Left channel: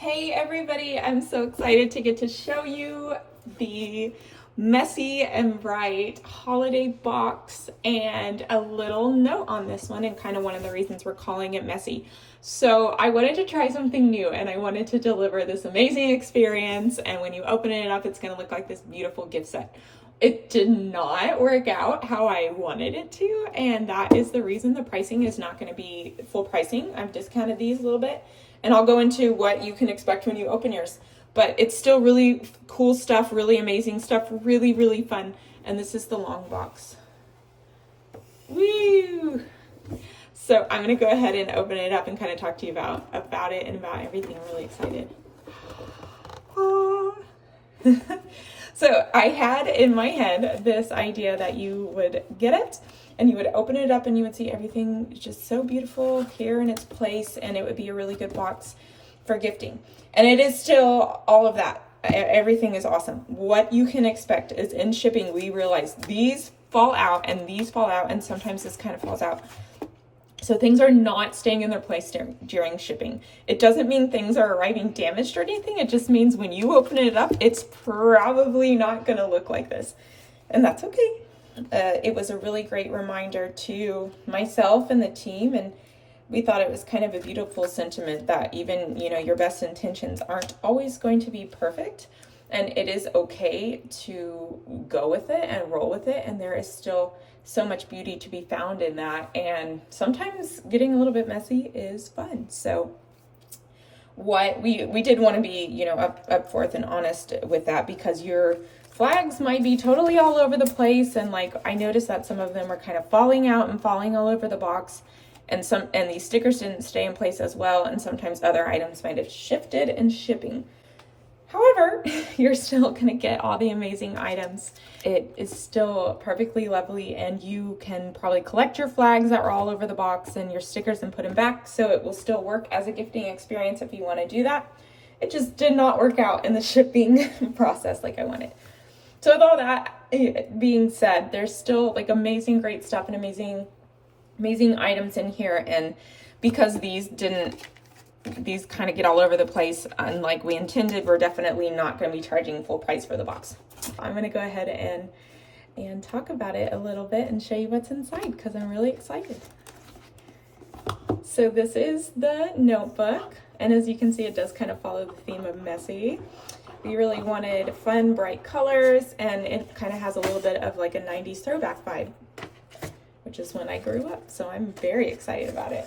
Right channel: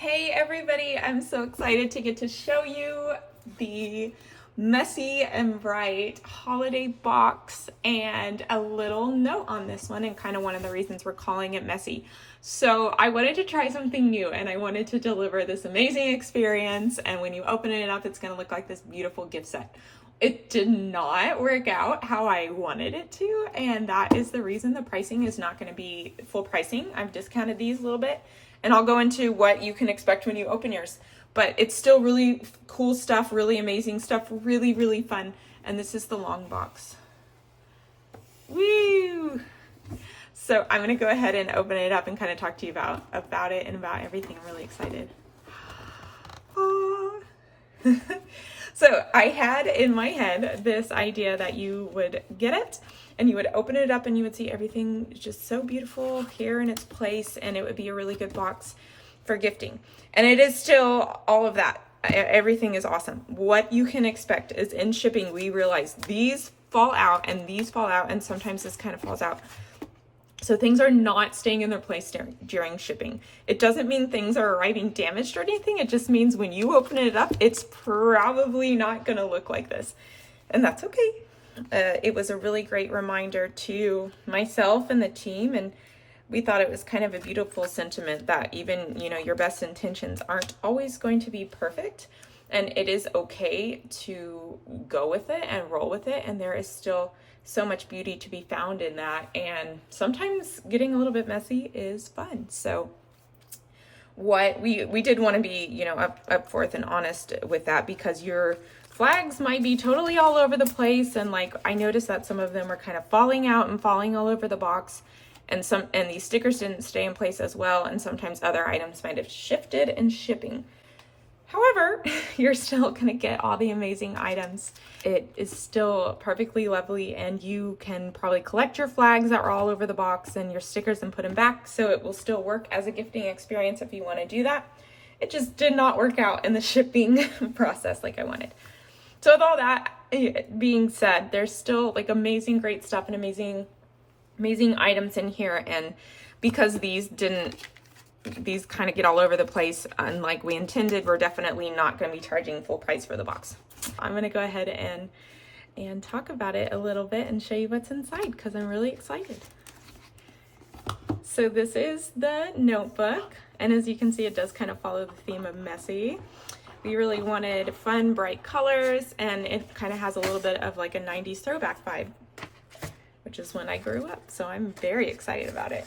Hey everybody, I'm so excited to get to show you the messy and bright holiday box and a little note on this one, and kind of one of the reasons we're calling it messy. So I wanted to try something new and I wanted to deliver this amazing experience, and when you open it up it's going to look like this beautiful gift set. It did not work out how I wanted it to, and that is the reason the pricing is not going to be full pricing. I've discounted these a little bit, and I'll go into what you can expect when you open yours. But it's still really cool stuff, really amazing stuff, really, really fun. And this is the long box. Woo! So I'm going to go ahead and open it up and kind of talk to you about it and about everything. I'm really excited. So I had in my head this idea that you would get it and you would open it up and you would see everything just so beautiful here in its place, and it would be a really good box for gifting. And it is still all of that. Everything is awesome. What you can expect is in shipping, we realize these fall out and these fall out, and sometimes this kind of falls out. So things are not staying in their place during shipping. It doesn't mean things are arriving damaged or anything. It just means when you open it up, it's probably not going to look like this. And that's okay. It was a really great reminder to myself and the team, and we thought it was kind of a beautiful sentiment that even, your best intentions aren't always going to be perfect, and it is okay to go with it and roll with it, and there is still so much beauty to be found in that, and sometimes getting a little bit messy is fun. So what we did want to be, up forth and honest with that, because your flags might be totally all over the place, and like I noticed that some of them are kind of falling out and falling all over the box, and these stickers didn't stay in place as well, and sometimes other items might have shifted in shipping. However, you're still going to get all the amazing items. It is still perfectly lovely, and you can probably collect your flags that were all over the box and your stickers and put them back, so it will still work as a gifting experience if you want to do that. It just did not work out in the shipping process like I wanted. So with all that being said, there's still like amazing, great stuff and amazing items in here, and because these kind of get all over the place unlike we intended, we're definitely not going to be charging full price for the box. I'm going to go ahead and talk about it a little bit and show you what's inside, because I'm really excited. So this is the notebook, and as you can see, it does kind of follow the theme of messy. We really wanted fun, bright colors, and it kind of has a little bit of like a 90s throwback vibe, which is when I grew up, so I'm very excited about it.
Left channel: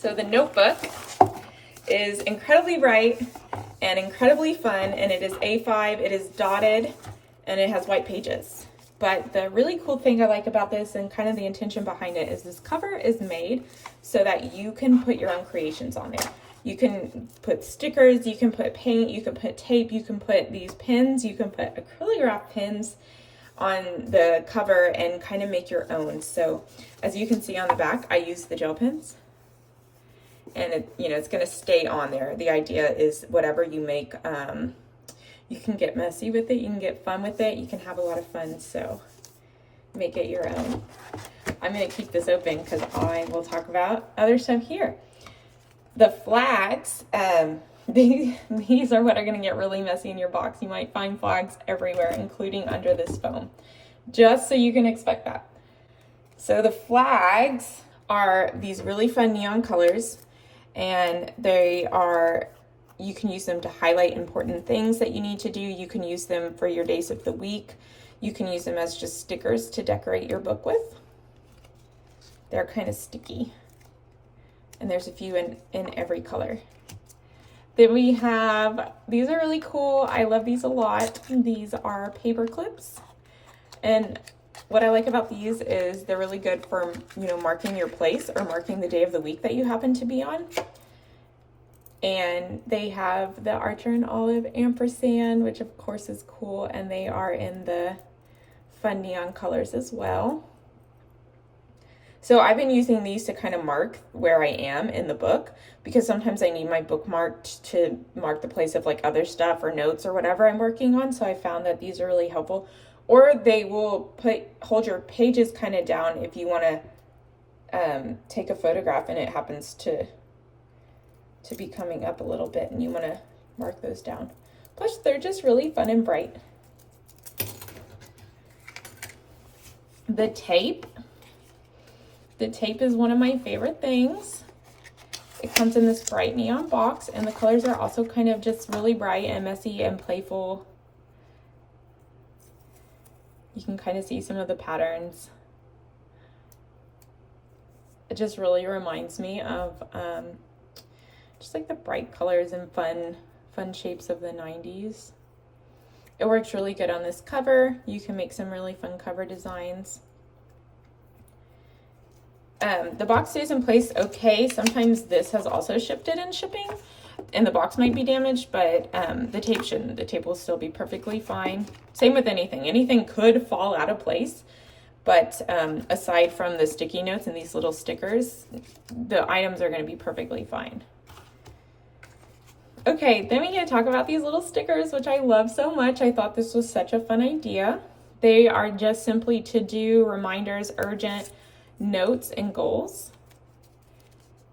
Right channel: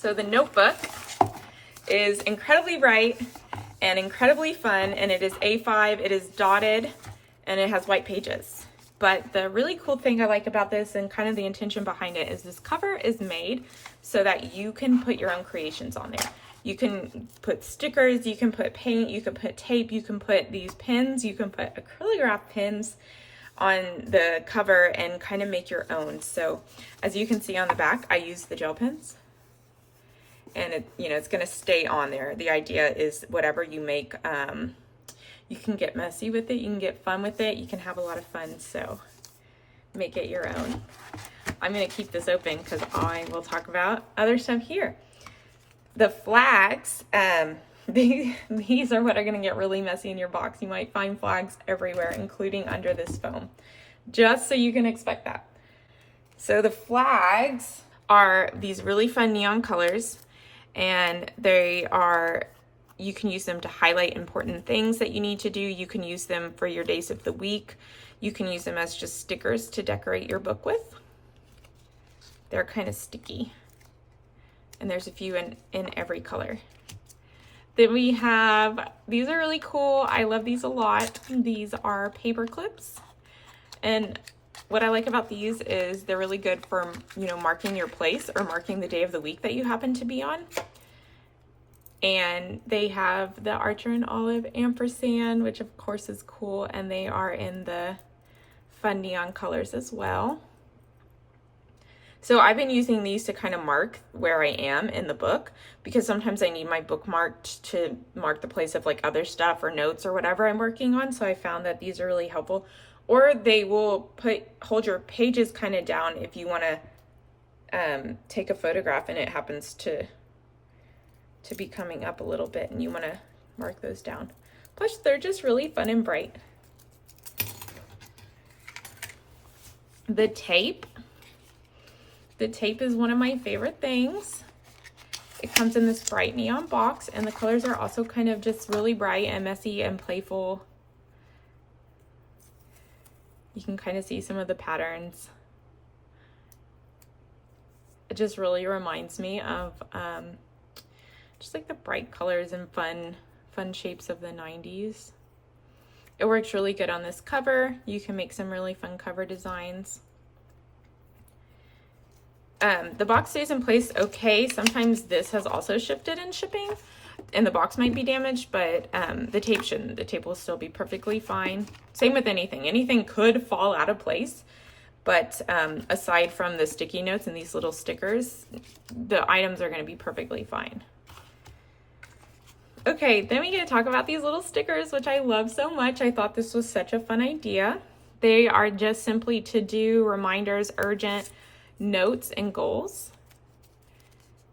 So the notebook is incredibly bright and incredibly fun, and it is A5, it is dotted, and it has white pages. But the really cool thing I like about this, and kind of the intention behind it, is this cover is made so that you can put your own creations on there. You can put stickers, you can put paint, you can put tape, you can put these pins, you can put acrylograph pins on the cover and kind of make your own. So as you can see on the back, I use the gel pens, and it's going to stay on there. The idea is whatever you make, you can get messy with it, you can get fun with it, you can have a lot of fun, so make it your own. I'm going to keep this open because I will talk about other stuff here. The flags, these are what are going to get really messy in your box. You might find flags everywhere, including under this foam, just so you can expect that. So the flags are these really fun neon colors, and you can use them to highlight important things that you need to do. You can use them for your days of the week. You can use them as just stickers to decorate your book with. They're kind of sticky, and there's a few in every color. Then we have, these are really cool. I love these a lot. These are paper clips, and what I like about these is they're really good for, marking your place or marking the day of the week that you happen to be on. And they have the Archer and Olive ampersand, which of course is cool, and they are in the fun neon colors as well. So I've been using these to kind of mark where I am in the book, because sometimes I need my book marked to mark the place of like other stuff or notes or whatever I'm working on. So I found that these are really helpful. Or they will hold your pages kind of down if you want to take a photograph and it happens to to be coming up a little bit, and you want to mark those down. Plus, they're just really fun and bright. The tape. The tape is one of my favorite things. It comes in this bright neon box, and the colors are also kind of just really bright and messy and playful. You can kind of see some of the patterns. It just really reminds me of just like the bright colors and fun shapes of the 90s. It works really good on this cover. You can make some really fun cover designs. The box stays in place okay. Sometimes this has also shifted in shipping and the box might be damaged, but the tape shouldn't. The tape will still be perfectly fine. Same with anything. Anything could fall out of place, but aside from the sticky notes and these little stickers, the items are going to be perfectly fine. Okay, then we get to talk about these little stickers, which I love so much. I thought this was such a fun idea. They are just simply to-do, reminders, urgent, notes, and goals.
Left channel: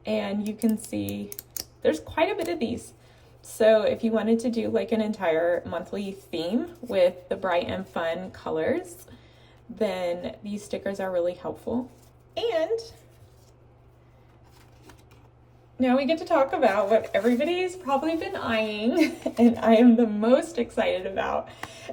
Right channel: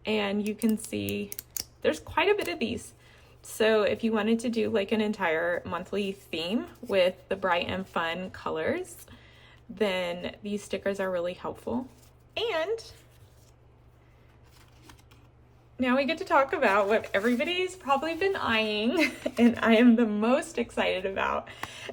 And you can see there's quite a bit of these. So if you wanted to do like an entire monthly theme with the bright and fun colors, then these stickers are really helpful. And now we get to talk about what everybody's probably been eyeing and I am the most excited about,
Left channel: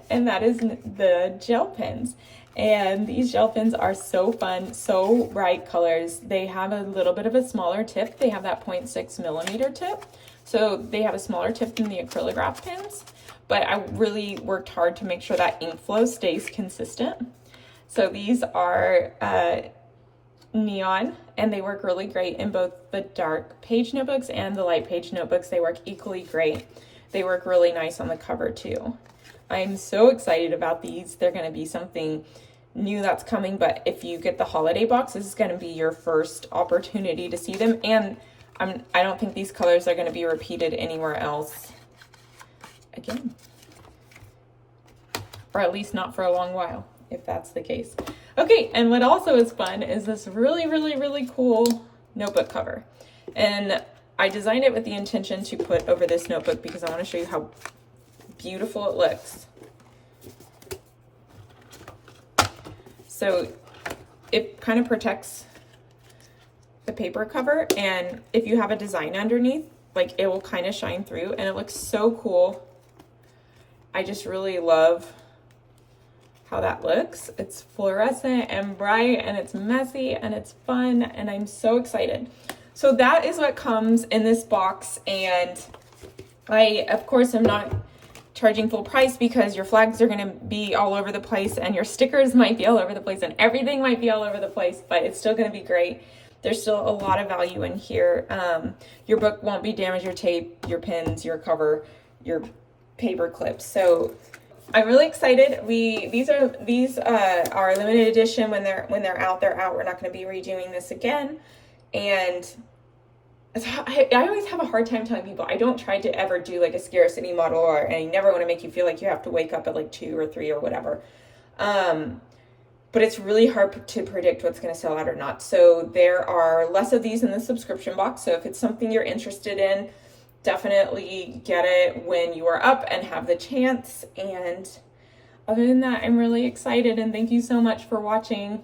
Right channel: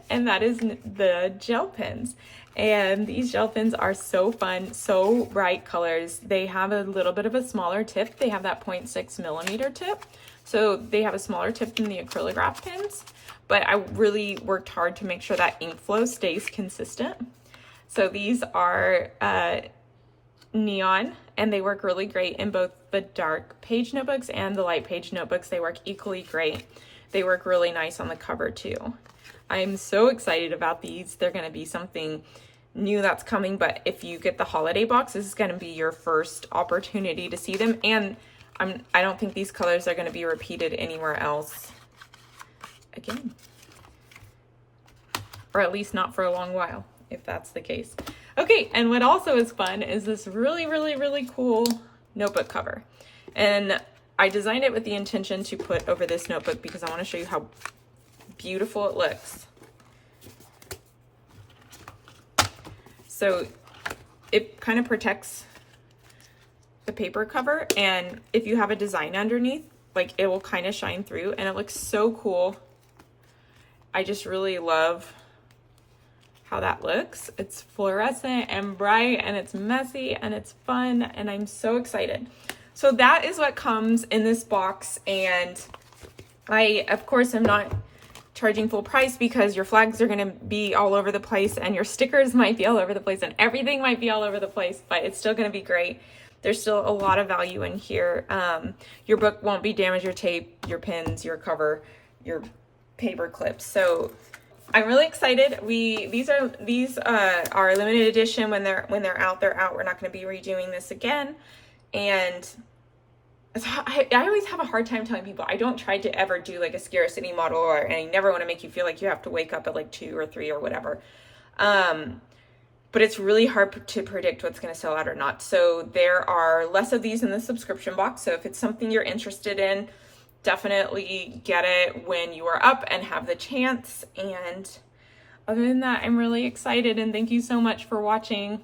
and that is the gel pens. And these gel pens are so fun, so bright colors. They have a little bit of a smaller tip. They have that 0.6 millimeter tip. So they have a smaller tip than the acrylograph pens, but I really worked hard to make sure that ink flow stays consistent. So these are neon, and they work really great in both the dark page notebooks and the light page notebooks. They work equally great. They work really nice on the cover too. I'm so excited about these. They're going to be something new that's coming, but if you get the holiday box, this is going to be your first opportunity to see them, and I don't think these colors are going to be repeated anywhere else again, or at least not for a long while, if that's the case. Okay, and what also is fun is this really, really, really cool notebook cover. And I designed it with the intention to put over this notebook because I want to show you how beautiful it looks. So it kind of protects the paper cover, and if you have a design underneath, like it will kind of shine through, and it looks so cool. I just really love how that looks. It's fluorescent and bright, and it's messy, and it's fun, and I'm so excited. So that is what comes in this box, and I, of course, am not charging full price because your flags are going to be all over the place, and your stickers might be all over the place, and everything might be all over the place, but it's still going to be great. There's still a lot of value in here. Your book won't be damaged, your tape, your pins, your cover, your paper clips. So I'm really excited. These are limited edition. When they're out, they're out. We're not going to be redoing this again. And I always have a hard time telling people I don't try to ever do like a scarcity model, and I never want to make you feel like you have to wake up at like 2 or 3 or whatever. But it's really hard to predict what's going to sell out or not. So there are less of these in the subscription box. So if it's something you're interested in, definitely get it when you are up and have the chance. And other than that, I'm really excited, and thank you so much for watching.